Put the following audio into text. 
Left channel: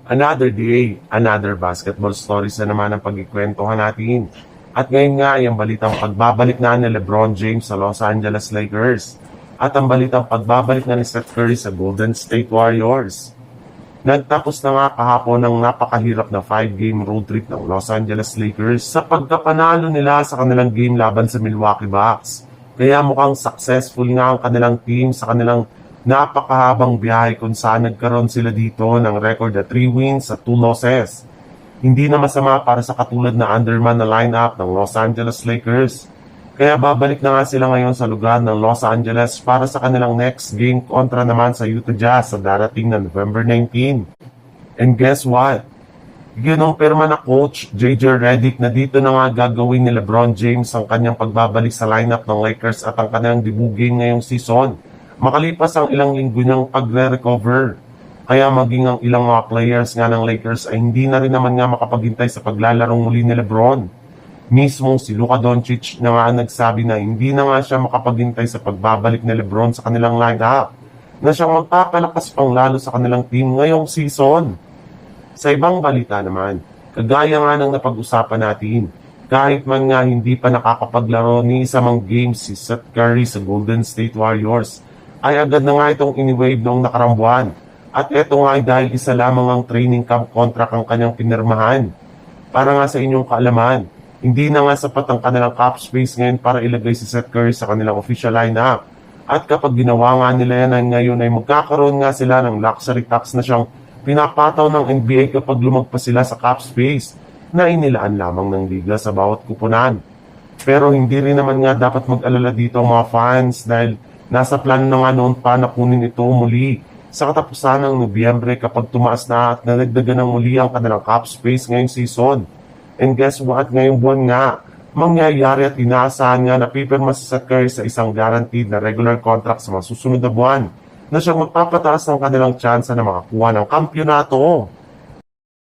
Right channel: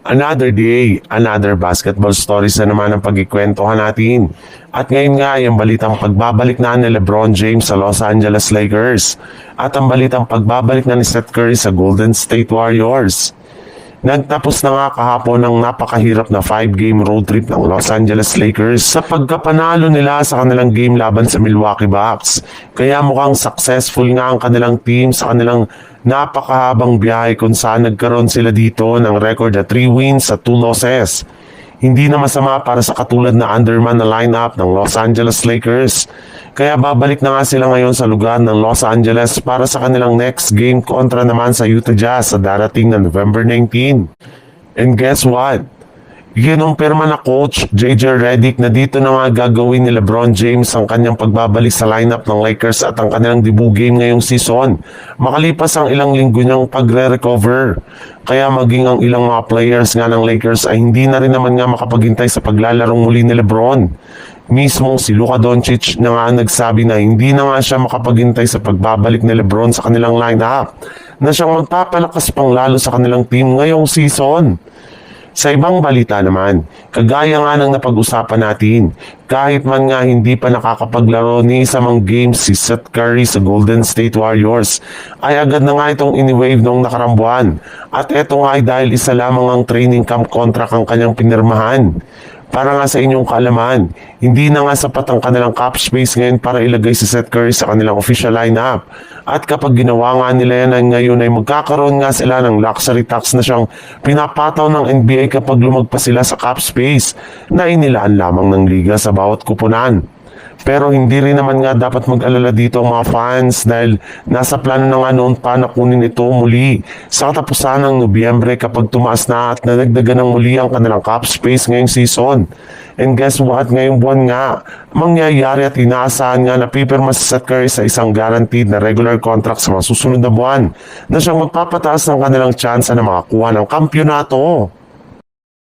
Another day, another basketball stories na naman ang pagkikwentuhan natin. At ngayon nga, yung balitang pagbabalik na ni LeBron James sa Los Angeles Lakers. At ang balitang pagbabalik na ni Steph Curry sa Golden State Warriors. Nagtapos na nga kahapon ang napakahirap na 5-game road trip ng Los Angeles Lakers sa pagkapanalo nila sa kanilang game laban sa Milwaukee Bucks. Kaya mukhang successful nga ang kanilang team sa kanilang napakahabang biyahe kung saan nagkaroon sila dito ng record na 3 wins at 2 losses. Hindi na masama para sa katulad na underman na lineup ng Los Angeles Lakers. Kaya babalik na nga sila ngayon sa lugar ng Los Angeles para sa kanilang next game kontra naman sa Utah Jazz sa darating na November 19. And guess what? Yun ang pirma na coach JJ Redick na dito na nga gagawin ni LeBron James ang kanyang pagbabalik sa lineup ng Lakers at ang kanilang debut game ngayong season. Makalipas ang ilang linggo niyang pagre-recover. Kaya maging ang ilang mga players nga ng Lakers ay hindi na rin naman nga makapaghintay sa paglalarong muli ni LeBron. Mismong si Luka Doncic na nga nagsabi na hindi na nga siya makapaghintay sa pagbabalik ni LeBron sa kanilang lineup na siyang magpapalakas pang lalo sa kanilang team ngayong season. Sa ibang balita naman, kagaya nga ng napag-usapan natin, kahit man nga hindi pa nakakapaglaro ni isa mang games si Seth Curry sa Golden State Warriors, ay agad na nga itong iniwave noong nakarang buwan. At ito nga ay dahil isa lamang ang training camp contract ang kanyang pinirmahan. Para nga sa inyong kaalaman, hindi na nga sapat ang kanilang cap space ngayon para ilagay si Seth Curry sa kanilang official lineup. At kapag ginawa nga nila yan ngayon ay magkakaroon nga sila ng luxury tax na siyang pinapataw ng NBA kapag lumagpas sila sa cap space na inilaan lamang ng liga sa bawat kupunan. Pero hindi rin naman nga dapat mag-alala dito ang mga fans dahil nasa plano na nga noon pa na kunin ito muli sa katapusan ng Nobyembre kapag tumaas na at nanagdagan ng muli ang kanilang cap space ngayong season. And guess what? Ngayong buwan nga, mangyayari at inaasahan nga na pipirma si Seth Curry sa isang guaranteed na regular contract sa mga susunod na buwan na siyang magpapataas ng kanilang tsansa na makakuha ng kampyonato.